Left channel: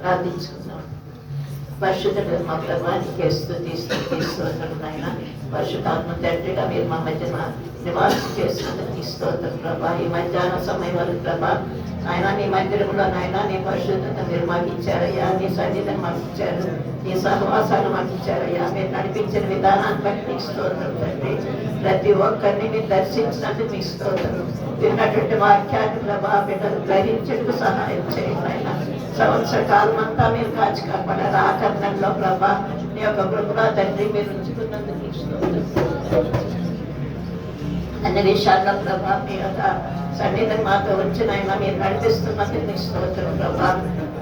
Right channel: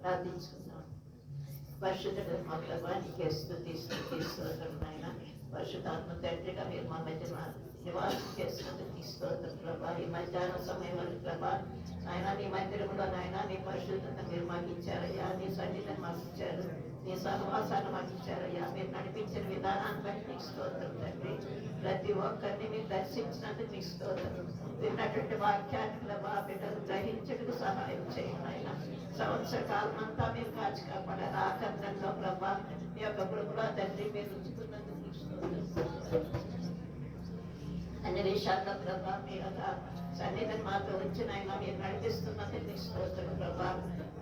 ప్రార్థించుకుందాం. పరిశుద్ధుడు మా ప్రభానికి స్తోత్రం నాయన. పరిశుద్ధాత్మ తండ్రిగా మీరు మా మధ్యన నివాసం చేస్తున్నందుకు స్తోత్రం ప్రభా. ఈ మధ్యాహ్న సమయం వరకు ప్రభా ఆయన నీ మందిరంలో నాయన నీ పరిశుద్ధత మీరు మాకు ఇచ్చారయ్యా. నీ సన్నిధిని మాకు ఇచ్చారు, నీ సహవాసాలు మాకు ఇచ్చారయ్యా. మీరు నడిపించిన విధానాన్ని బట్టి మీకు స్తోత్రం తండ్రి. ప్రతి ఒక్కరిని మీరు దర్శించినందుకు మీకు స్తోత్రం. విన్నటువంటి వాక్యాన్ని ప్రభా బిడ్డలు గ్రహించేందుకు సహాయం చేయండి ఆయన. సంవత్సర కాలం అంతా మీరు కాచి కాపాడారు. ఆకరణంలో ప్రభా నీ యొక్క కృపలో తండ్రి మీరు ఉంచుకున్నందుకు మీకు స్తోత్రం. అన్ని విషయాల్లో ప్రభా మీ యొక్క సన్నిధిని మాతో వచ్చిన ఆయన మీరు నడిపిస్తున్నందుకు మీకు స్తోత్రం ప్రభా.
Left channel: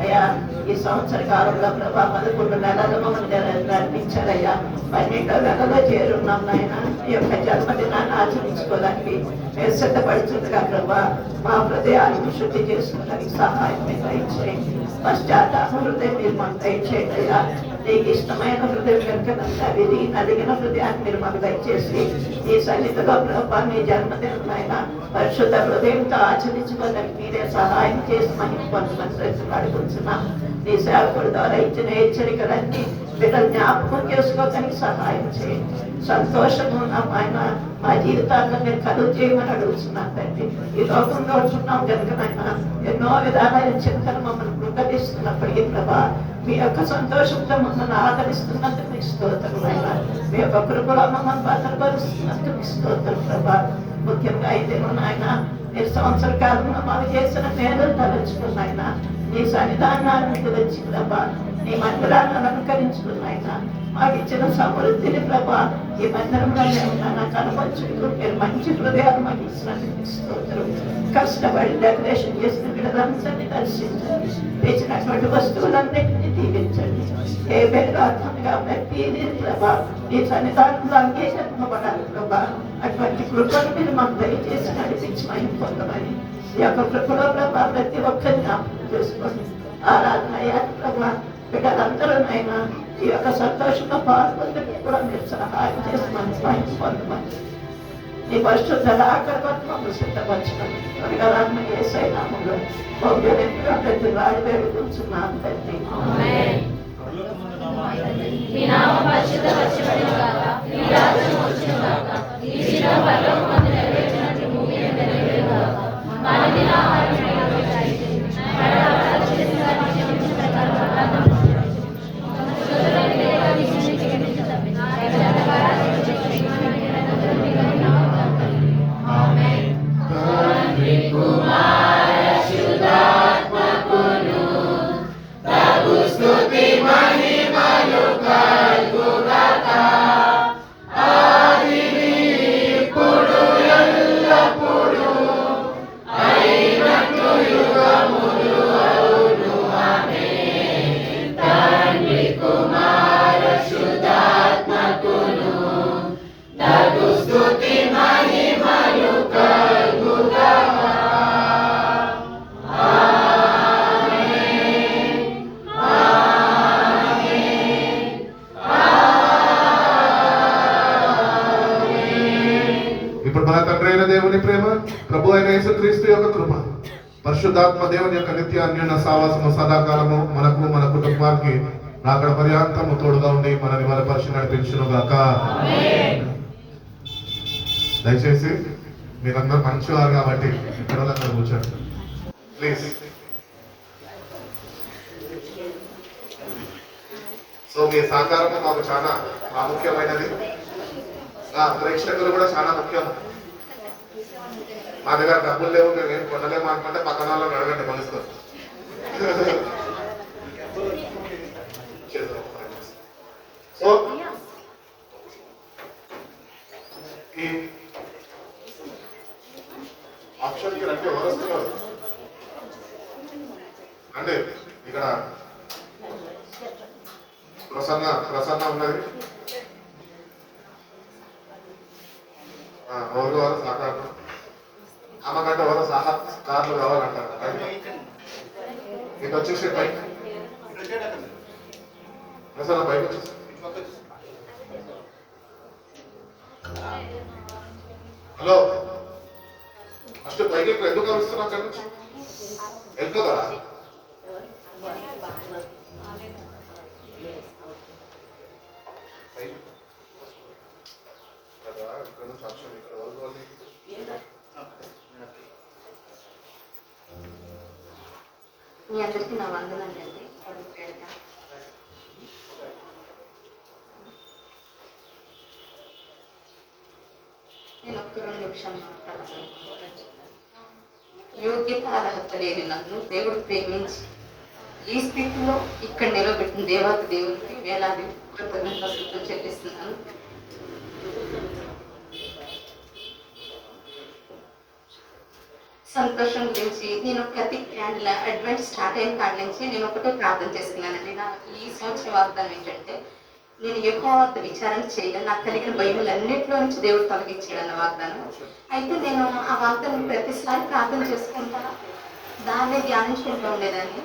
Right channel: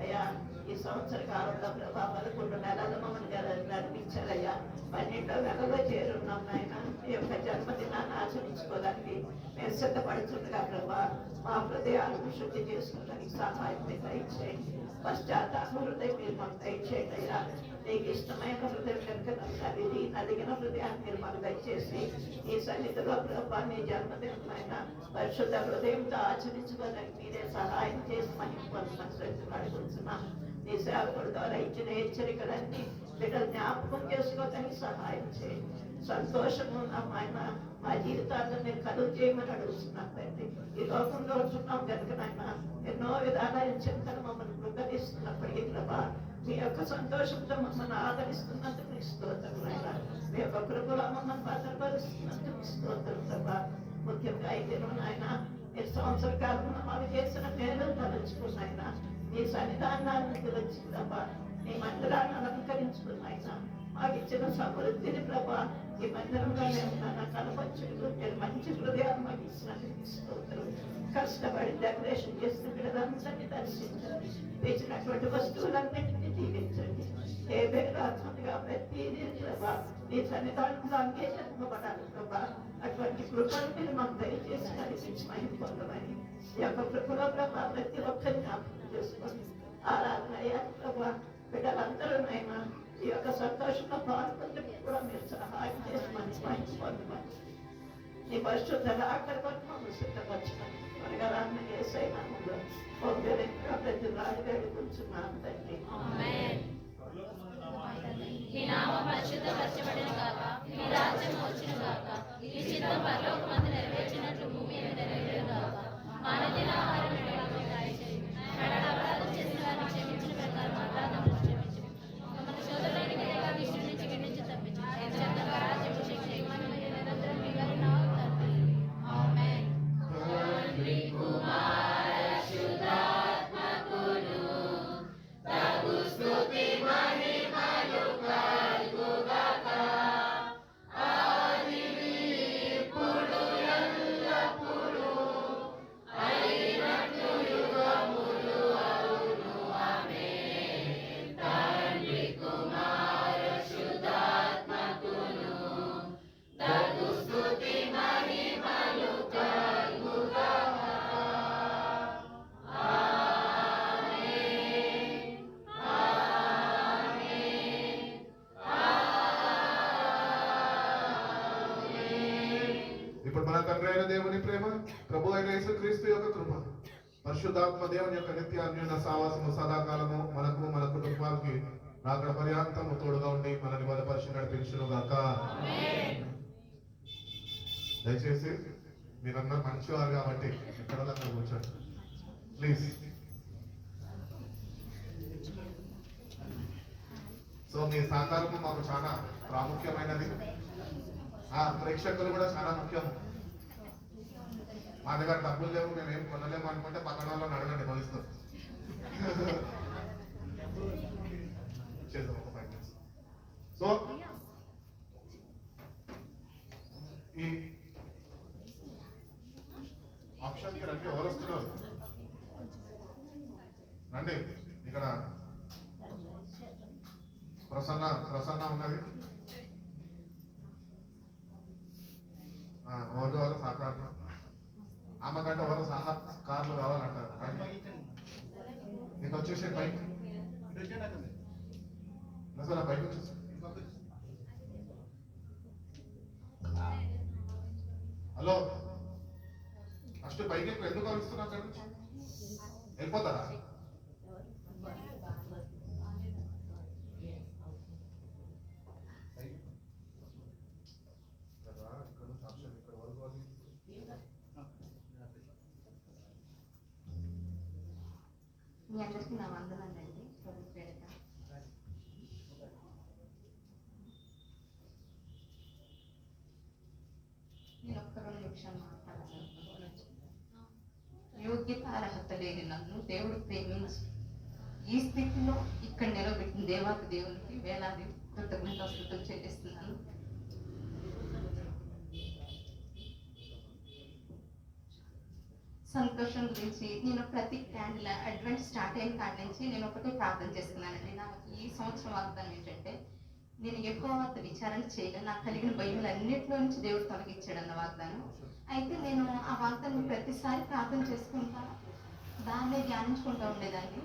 అయ్యా ఈ సంవత్సర కాలంలో ప్రభా 11 నెలలు మమ్మల్ని నడిపించారయ్యా. 12వ నెలలో చేరున్నాం నాయన. ఈ యొక్క జన్మదినాన్ని ఆచరించుకోవడానికి మేము సిద్ధపడుతుండగా ప్రభా మా హృదయాన్ని శుద్ధి చేసుకోవడానికి సహాయం మీరు దయచేయండి. పశ్చాత్తాప హృదయం మీరు మాకు దయచేయండి అయ్యా. నీకు ఇష్టమైన హృదయం కనుక విరిగి నలిగిన హృదయాన్ని మీరు మాకు దయచేసి ఈ సన్నిధిలో ప్రభా నీ జన్మదినమైన పరిశుద్ధ హృదయంతో ఆచరించుకోవడానికి మీరే సహాయం చేసి మహిమ పొందమని ప్రతిపాడుకుంటున్నాం. నీ సేవకుడి ద్వారా ఇచ్చిన హెచ్చరికలన్నీ బిడ్డలు జ్ఞాపకం చేసుకోవడానికి సహాయం చేయండి. సంతోషము ఆయన మా జీవితాల్లో మీరు కలుగు చేయమని అడుగుతున్నాం తండ్రి. ఈ లోకంలో ఉంటున్నాం కనుకనైనా ఎన్నో విధాలైన చింతలు మమ్మల్ని కృపదిస్తున్నప్పటికీ ప్రభా మీ యొక్క సంతోషంతో మమ్మల్ని ఆదరిస్తున్నందుకు మీకు స్తోత్రం అయినా. మీ యొక్క కృపలో మమ్మల్ని భద్రపరుస్తున్నందుకు మీకు స్తోత్రం ప్రభా. ముఖ్యంగా అయితే నాయన మీరు సంవత్సర కాలంలో మాకు చేసిన మేలు తలంచుకున్నాయన. నీ సన్నిధానాన్ని మీకు వచ్చి ప్రభా నీ మందిరాన్ని అలంకరించుకున్నాయన. మాకు ఇచ్చిన సమృద్ధిని ప్రభా ఈ మందిరంలో మేము కనపరుచుకుంటూ మీరు మంచి హృదయాలు మాకు ఇచ్చినందుకు స్తోత్రం. కష్టపడి డెకరేషన్ చేసిన బిడ్డలందరినీ దర్శించండి. తెచ్చినటువంటి వస్తువులన్నింటినీ దీవించండి. ఏ వేదార్థంగా ప్రతిదీ ప్రభా నీ సన్నిధానంలో అంగీకరింపబడాలి ప్రభా. అటువంటి కృపను మీరు మాకు దయచేసి నడిపించి మహిమ పొందమని ఈ యొక్క కృపలో ప్రభా ప్రతి ఒక్కరిని జ్ఞాపకం చేసుకోండి. ఆరాధన అయ్యాలి ప్రభా. బిడ్డలందరూనైనా ఈ యొక్క సంతోషంలో పాల్గొందుకు కూడా మీరు సహాయం చేసి మంచి మహిమ పొందమని నీ పరిశుద్ధ ఆకర్మను సిద్ధపరచడం త్వరగా రాన్న యేసయ్య నామములో ప్రతి రాజు వేడుకుంటున్నాను తండ్రి. మన తండ్రి అయిన దేవుని ప్రేమ, ప్రభు అయిన యేసుక్రీస్తు యొక్క కృప, పరిశుద్ధాత్మ దేవుని యొక్క నిత్య అన్యోన్య సావాసము సదాకాలము మనకు మన కుటుంబానికి రాకడ పర్యాంతము తోడుగా ఉండి మనని బలపరిచి నడిపించును గాక. దయచేసి మీరందరూ మంచివారు కాబట్టి ఇక్కడ కూర్చోండి ప్లీజ్. సో మీ సహకారము మాకు చాలా ప్రాముఖ్యమైనది. ప్రేక్షకులు కూడా చాలా ముఖ్యం. మా దగ్గర డబ్బులు లేవు, మేము ఏం కొనలేము అనుకుంటే పక్కన వాళ్ళని అడగండి మనసుతో. సో ఈ ఆప్షన్కి రండి. ఎవరు వస్తున్నారు అండి? ఇక్కడ ప్రసన్న ఉన్నది. ఎవరు వారు సహకారం ఆమెకంటే ఎవరో సహకారులు కావాలంటారు. ఇటు వచ్చేసి పైకి ప్రసన్న పైకి వచ్చేసి హలో ఫస్ట్ పైకి ఎందుకు కలుస్తున్నాం? అక్కడి నుంచి వెళ్ళిపోతారా? మీ అందరికీ నా వందనండి. ప్రభు పేరిట నేను ఒక్క 2 నిమిషాలు మాట్లాడాలనుకుంటున్నాను. యోగ్యత అర్హత లేని నన్ను దేవుడు ప్రేమించి ఈ స్థితిలో ఇక్కడ నిలబెట్టిన దేవాతి దేవునికి వేలాది కృతజ్ఞతలు చెల్లిస్తున్నాను. సంతోషం గురించి నేను ప్రతి అడ్వెంట్ స్టార్ట్ అయిన కాడి నుంచి నేను ఒకటే ప్రార్థన చేస్తున్నానండి. నాకు ఈ సంవత్సరం వాగ్దానం ఏంటంటే, నేను ఎక్కువ విచారణ చేయలేదు. నాకు కలిగిన భయములన్నింటిలో నుంచి దేవుడు తొలగించాడు అన్న వాగ్దానం. అయితే నేను ఆ వాగ్దానం ప్రతిసారి ప్రార్థన చేసుకుంటా, దాన్ని ధ్యానించుకుంటూ ఉండేదాన్ని.